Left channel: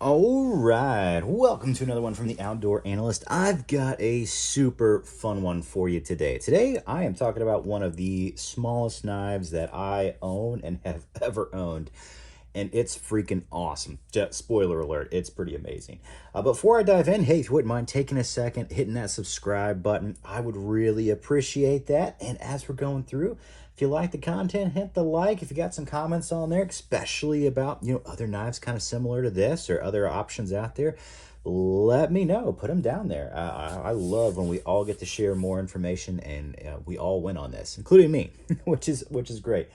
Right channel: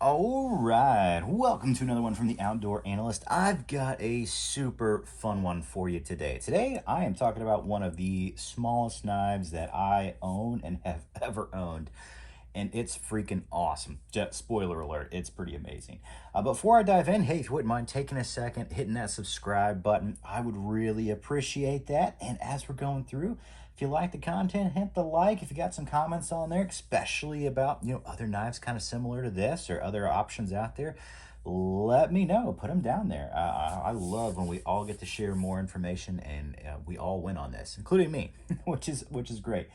All right, welcome to another one from the Outdoor Analyst. I've got a super fun one for you today. Today, I am talking about one of the smallest knives that I own and have ever owned, and it's freaking awesome. Just spoiler alert, it's pretty amazing. Before I dive in, hey, if you wouldn't mind taking a second, hitting that subscribe button, I would really appreciate that. And as we're going through, if you like the content, hit the like. If you got some comments on there, especially about other knives kind of similar to this or other options out there, let me know. Put them down there. I love when we all get to share more information and we all win on this, including me, which is great.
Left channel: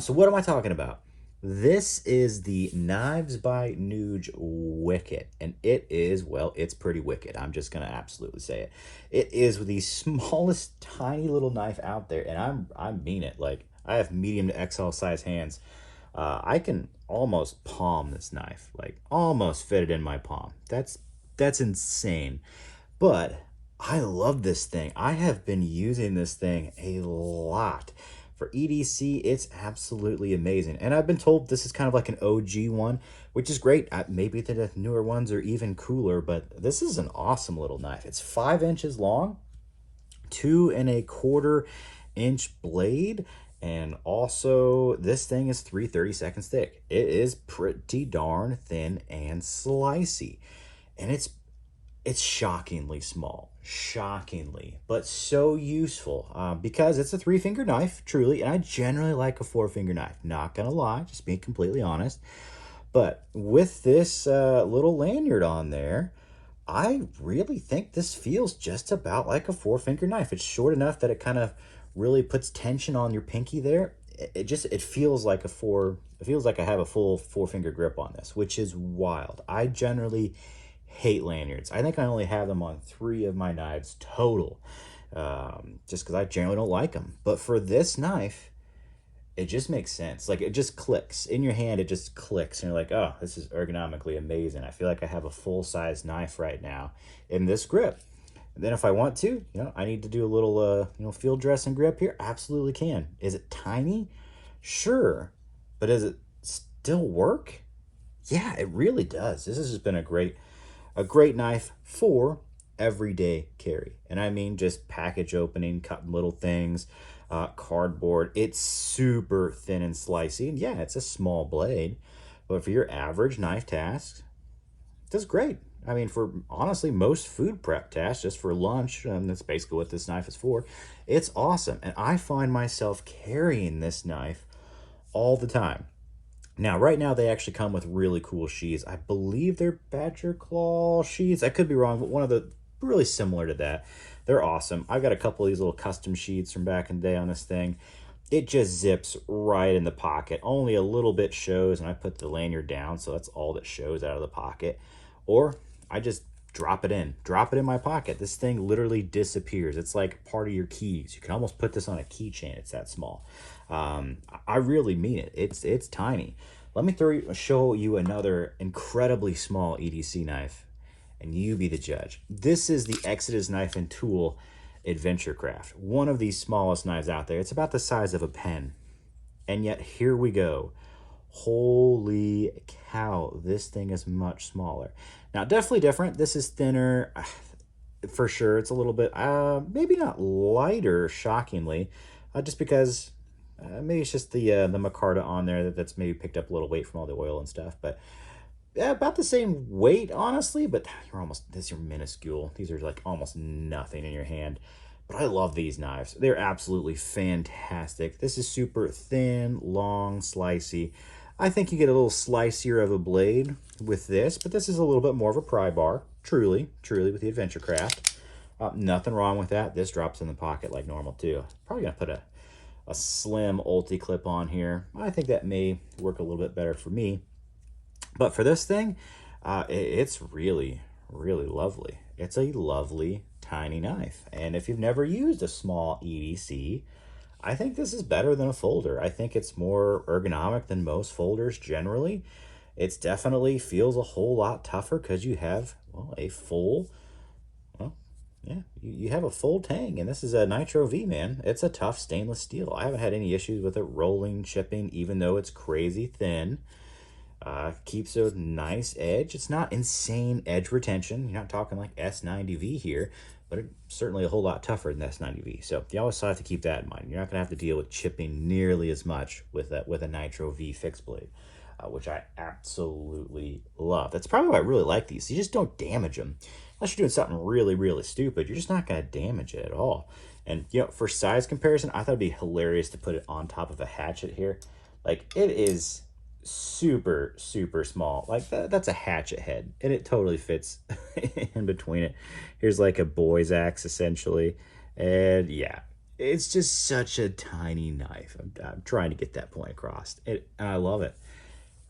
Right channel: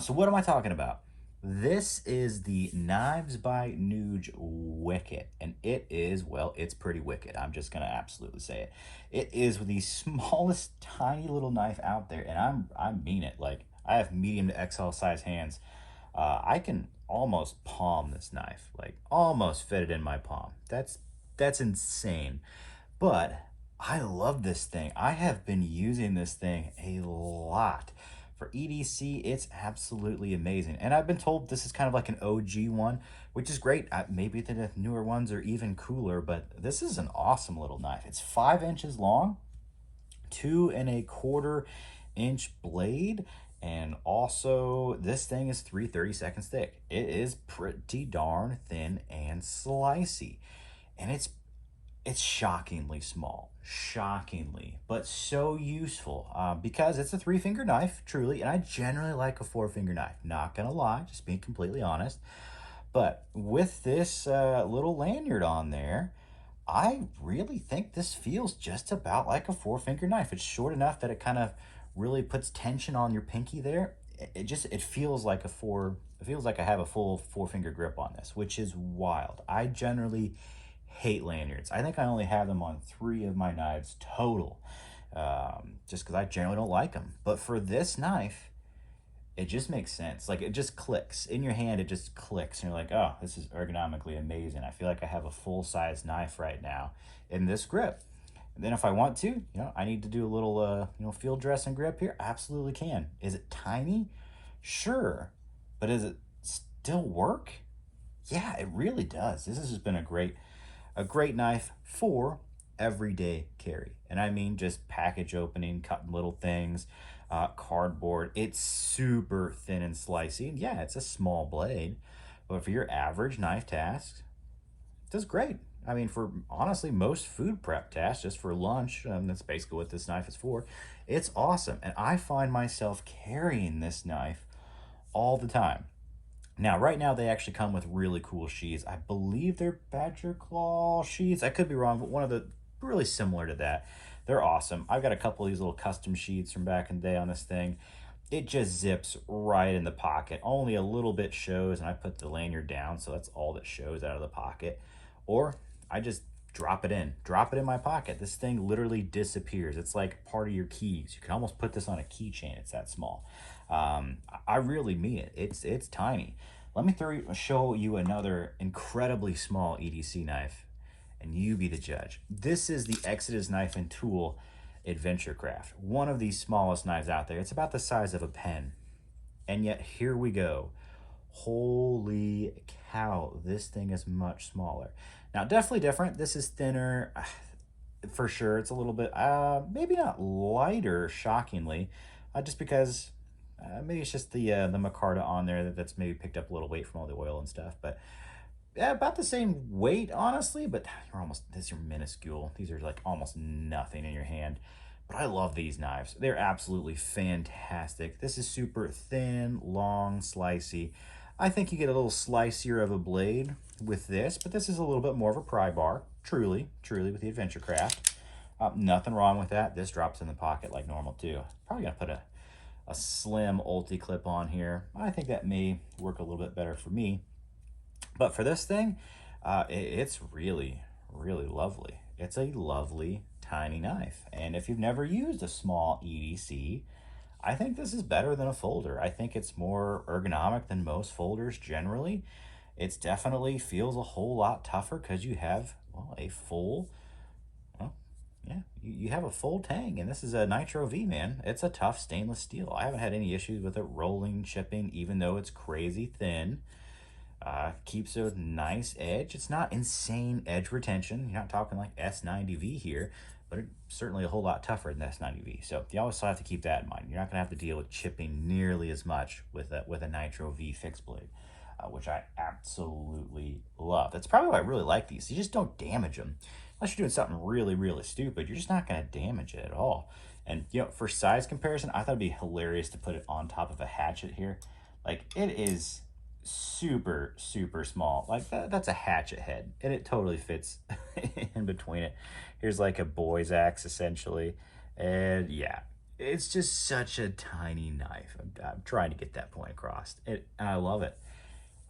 So what am I talking about? This is the Knives by Nuge Wicket, and it is, well, it's pretty wicked. I'm just gonna absolutely say it. It is the smallest, tiny little knife out there, and I mean it. Like, I have medium to XL size hands. I can almost palm this knife, like almost fit it in my palm. That's insane. But I love this thing. I have been using this thing a lot. For EDC, it's absolutely amazing. And I've been told this is kind of like an OG one, which is great. Maybe the newer ones are even cooler, but this is an awesome little knife. It's 5 inches long, 2.25 inch blade, and also this thing is 3/32 thick. It is pretty darn thin and slicey, and it's shockingly small, shockingly, but so useful because it's a three-finger knife, truly, and I generally like a four-finger knife, not gonna lie, just being completely honest. But with this little lanyard on there, I really think this feels just about like a four-finger knife. It's short enough that it kind of really puts tension on your pinky there. It feels like it feels like I have a full four-finger grip on this, which is wild. I generally hate lanyards. I think I only have them on 3 of my knives total, just because I generally don't like them. But for this knife, it just makes sense. Like, it just clicks in your hand. It just clicks, and you're like, oh, this is ergonomically amazing. I feel like I have a full-size knife right now in this grip. And then if I want to, I need to do a little, field dressing grip here. Absolutely can. Is it tiny? Sure, but does it still work? Yeah, it really does. This has just been a great knife for everyday carry. And I mean just package opening, cutting little things, cardboard. It's super thin and slicey. And yeah, it's a small blade, but for your average knife tasks, it does great. I mean, for honestly most food prep tasks, just for lunch, that's basically what this knife is for. It's awesome. And I find myself carrying this knife all the time. Now, right now, they actually come with really cool sheaths. I believe they're Badger Claw sheaths. I could be wrong, but one of the really similar to that. They're awesome. I've got a couple of these little custom sheaths from back in the day on this thing. It just zips right in the pocket. Only a little bit shows, and I put the lanyard down, so that's all that shows out of the pocket. Or I just drop it in my pocket. This thing literally disappears. It's like part of your keys. You can almost put this on a keychain. It's that small. I really mean it. It's tiny. Let me show you another incredibly small EDC knife, and you be the judge. This is the Exodus Knife and Tool Adventure Craft, one of the smallest knives out there. It's about the size of a pen, and yet here we go. Holy cow, this thing is much smaller. Now, definitely different. This is thinner, for sure. It's a little bit, maybe not lighter, shockingly, just because maybe it's just the micarta on there that's maybe picked up a little weight from all the oil and stuff. But yeah, about the same weight, honestly. But you're minuscule. These are like almost nothing in your hand. But I love these knives. They're absolutely fantastic. This is super thin, long, slicey. I think you get a little slicier of a blade with this, but this is a little bit more of a pry bar, truly, with the Adventure Craft. Nothing wrong with that. This drops in the pocket like normal too. Probably gonna put a slim ulti clip on here. I think that may work a little bit better for me. But for this thing, it's really, really lovely. It's a lovely tiny knife. And if you've never used a small EDC, I think this is better than a folder. I think it's more ergonomic than most folders generally. It's definitely feels a whole lot tougher because you have, well, a full, well, yeah, you have a full tang, and this is a Nitro V, man. It's a tough stainless steel. I haven't had any issues with it rolling, chipping, even though it's crazy thin. Keeps a nice edge. It's not insane edge retention. You're not talking like S90V here, but it's certainly a whole lot tougher than S90V. So you always have to keep that in mind. You're not going to have to deal with chipping nearly as much with a Nitro V fixed blade, which I absolutely love. That's probably why I really like these. You just don't damage them. Unless you're doing something really, really stupid, you're just not going to damage it at all. And, you know, for size comparison, I thought it'd be hilarious to put it on top of a hatchet here. Like, it is super, super small. Like, that's a hatchet head, and it totally fits in between it. Here's like a boy's axe, essentially. And, yeah, it's just such a tiny knife. I'm trying to get that point across. And I love it.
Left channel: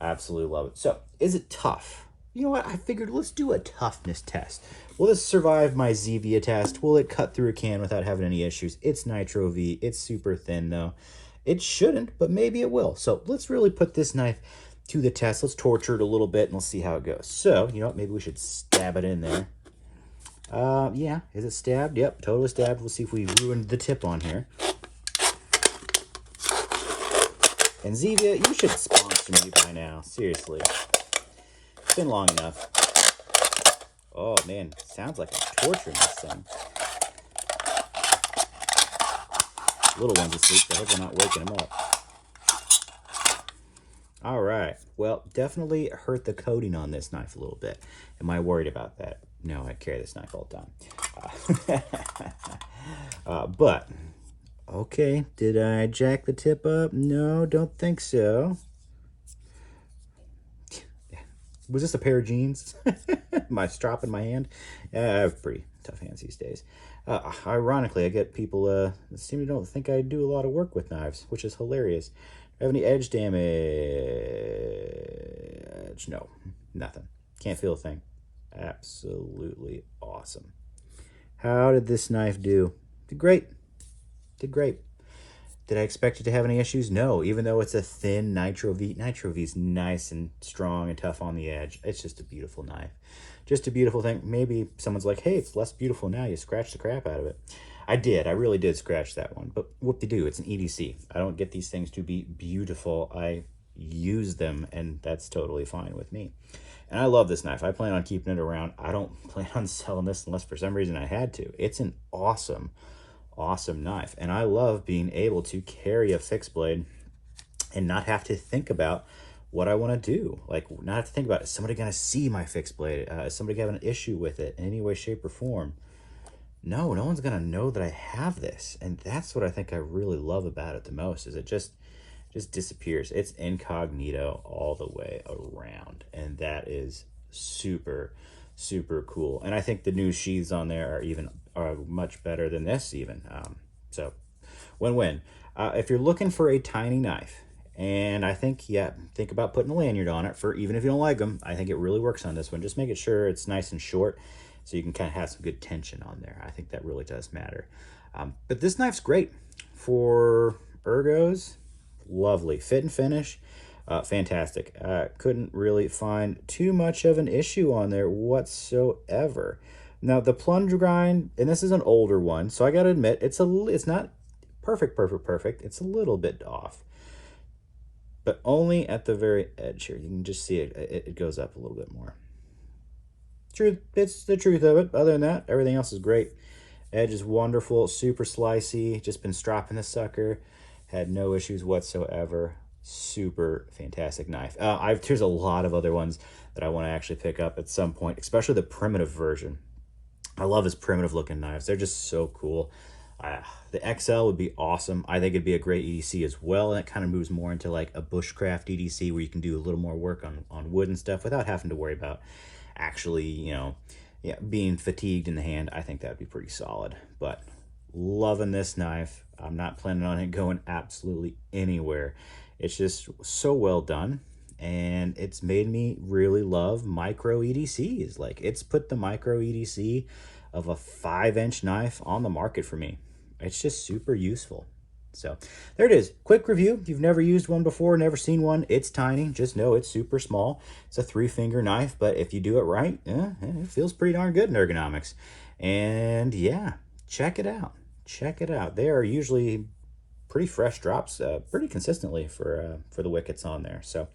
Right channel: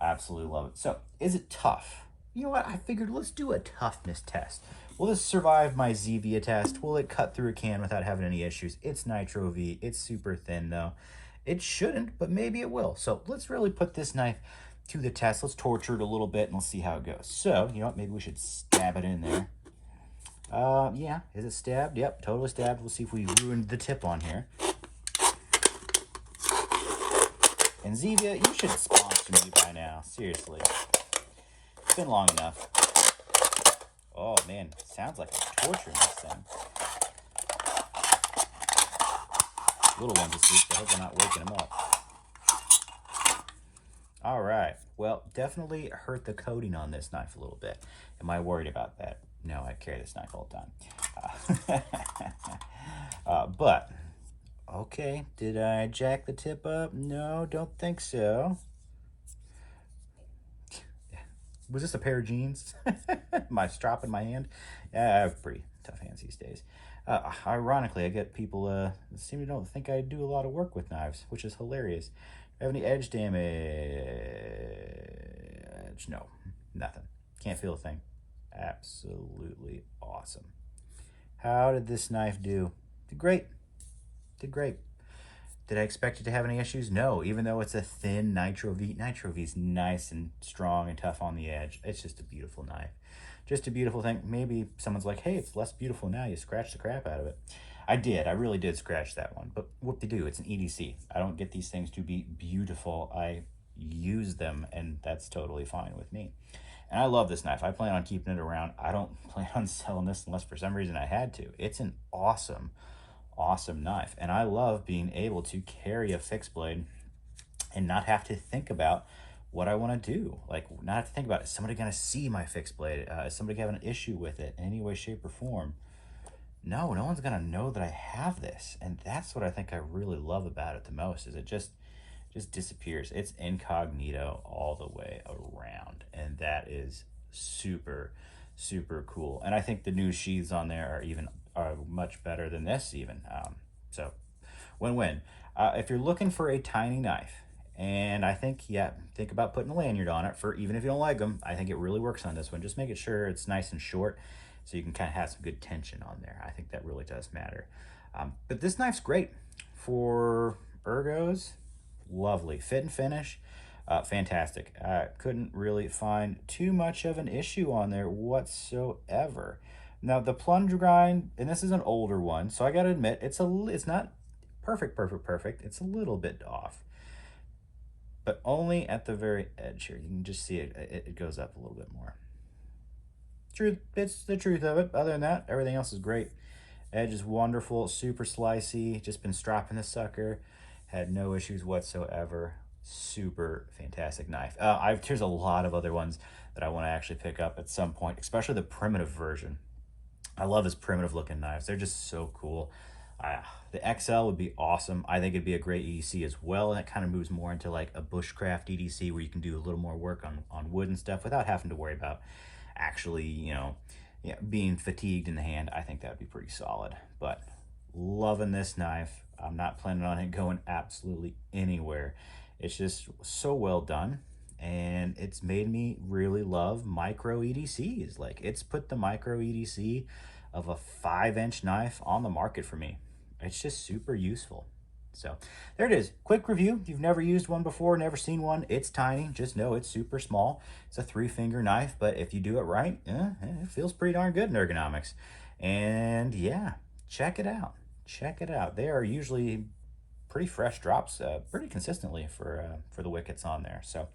Absolutely love it. So, is it tough? You know what? I figured let's do a toughness test. Will this survive my Zevia test? Will it cut through a can without having any issues? It's Nitro V. It's super thin, though. It shouldn't, but maybe it will. So let's really put this knife to the test. Let's torture it a little bit, and let's see how it goes. So, you know what? Maybe we should stab it in there. Yeah. Is it stabbed? Yep, totally stabbed. We'll see if we ruined the tip on here. And Zevia, you should sponsor me by now. Seriously. It's been long enough. Oh, man. Sounds like I'm torturing this thing. Little one's asleep, so I hope we're not waking them up. All right. Well, definitely hurt the coating on this knife a little bit. Am I worried about that? No, I carry this knife all the time. But, okay. Did I jack the tip up? No, don't think so. Was this a pair of jeans? My strap in my hand? Yeah, I have pretty tough hands these days. Ironically, I get people seem to don't think I do a lot of work with knives, which is hilarious. Do I have any edge damage? No, nothing. Can't feel a thing. Absolutely awesome. How did this knife do? Did great. Did great. Did I expect it to have any issues? No, even though it's a thin Nitro V. Nitro V is nice and strong and tough on the edge. It's just a beautiful knife. Just a beautiful thing. Maybe someone's like, hey, it's less beautiful now. You scratched the crap out of it. I did. I really did scratch that one. But whoop-de-doo, it's an EDC. I don't get these things to be beautiful. I use them, and that's totally fine with me. And I love this knife. I plan on keeping it around. I don't plan on selling this unless for some reason I had to. It's an awesome knife, and I love being able to carry a fixed blade and not have to think about what I want to do. Like, not have to think about, is somebody going to see my fixed blade? Is somebody having an issue with it in any way, shape, or form? No one's going to know that I have this, and that's what I think I really love about it the most, is it just disappears. It's incognito all the way around, and that is super, super cool. And I think the new sheaths on there are much better than this even. So win-win. If you're looking for a tiny knife, and I think, yeah, think about putting a lanyard on it, for even if you don't like them. I think it really works on this one. Just make it sure it's nice and short so you can kind of have some good tension on there. I think that really does matter. But this knife's great for ergos. Lovely. Fit and finish. Fantastic. Couldn't really find too much of an issue on there whatsoever. Now the plunge grind, and this is an older one, so I gotta admit it's not perfect. It's a little bit off, but only at the very edge here. You can just see it goes up a little bit more. Truth, it's the truth of it. Other than that, everything else is great. Edge is wonderful, super slicey. Just been stropping this sucker. Had no issues whatsoever. Super fantastic knife. There's a lot of other ones that I want to actually pick up at some point, especially the primitive version. I love his primitive looking knives. They're just so cool. The XL would be awesome. I think it'd be a great EDC as well. And it kind of moves more into like a bushcraft EDC where you can do a little more work on wood and stuff without having to worry about actually, being fatigued in the hand. I think that'd be pretty solid. But loving this knife. I'm not planning on it going absolutely anywhere. It's just so well done, and it's made me really love micro EDCs. Like, it's put the micro EDC of a 5-inch knife on the market for me. It's just super useful. So there it is. Quick review. If you've never used one before, never seen one, it's tiny. Just know it's super small. It's a 3-finger knife, but if you do it right, it feels pretty darn good in ergonomics. And yeah, check it out. Check it out. They are usually pretty fresh drops, pretty consistently for the Wickets on there. So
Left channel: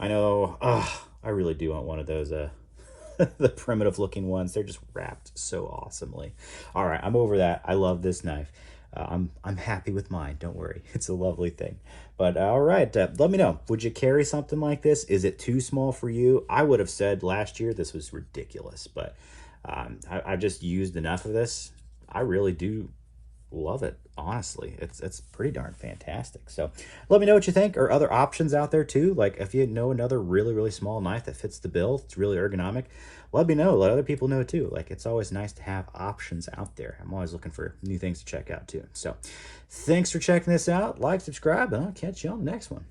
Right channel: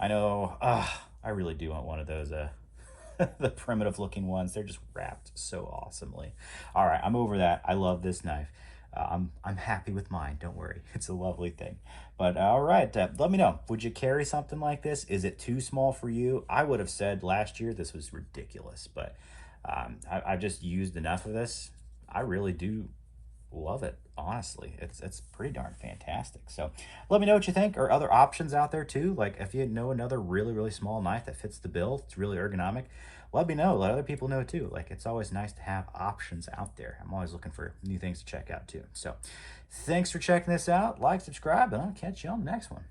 I know. I really do want one of those. The primitive looking ones. They're just wrapped so awesomely. All right, I'm over that. I love this knife. I'm happy with mine. Don't worry, it's a lovely thing. But all right, let me know. Would you carry something like this? Is it too small for you? I would have said last year this was ridiculous, but I've just used enough of this. I really do love it. Honestly, it's pretty darn fantastic. So let me know what you think, or other options out there too. Like if you know another really small knife that fits the bill, it's really ergonomic, let me know. Let other people know too. Like it's always nice to have options out there. I'm always looking for new things to check out too. So thanks for checking this out. Like, subscribe, and I'll catch you on the next one.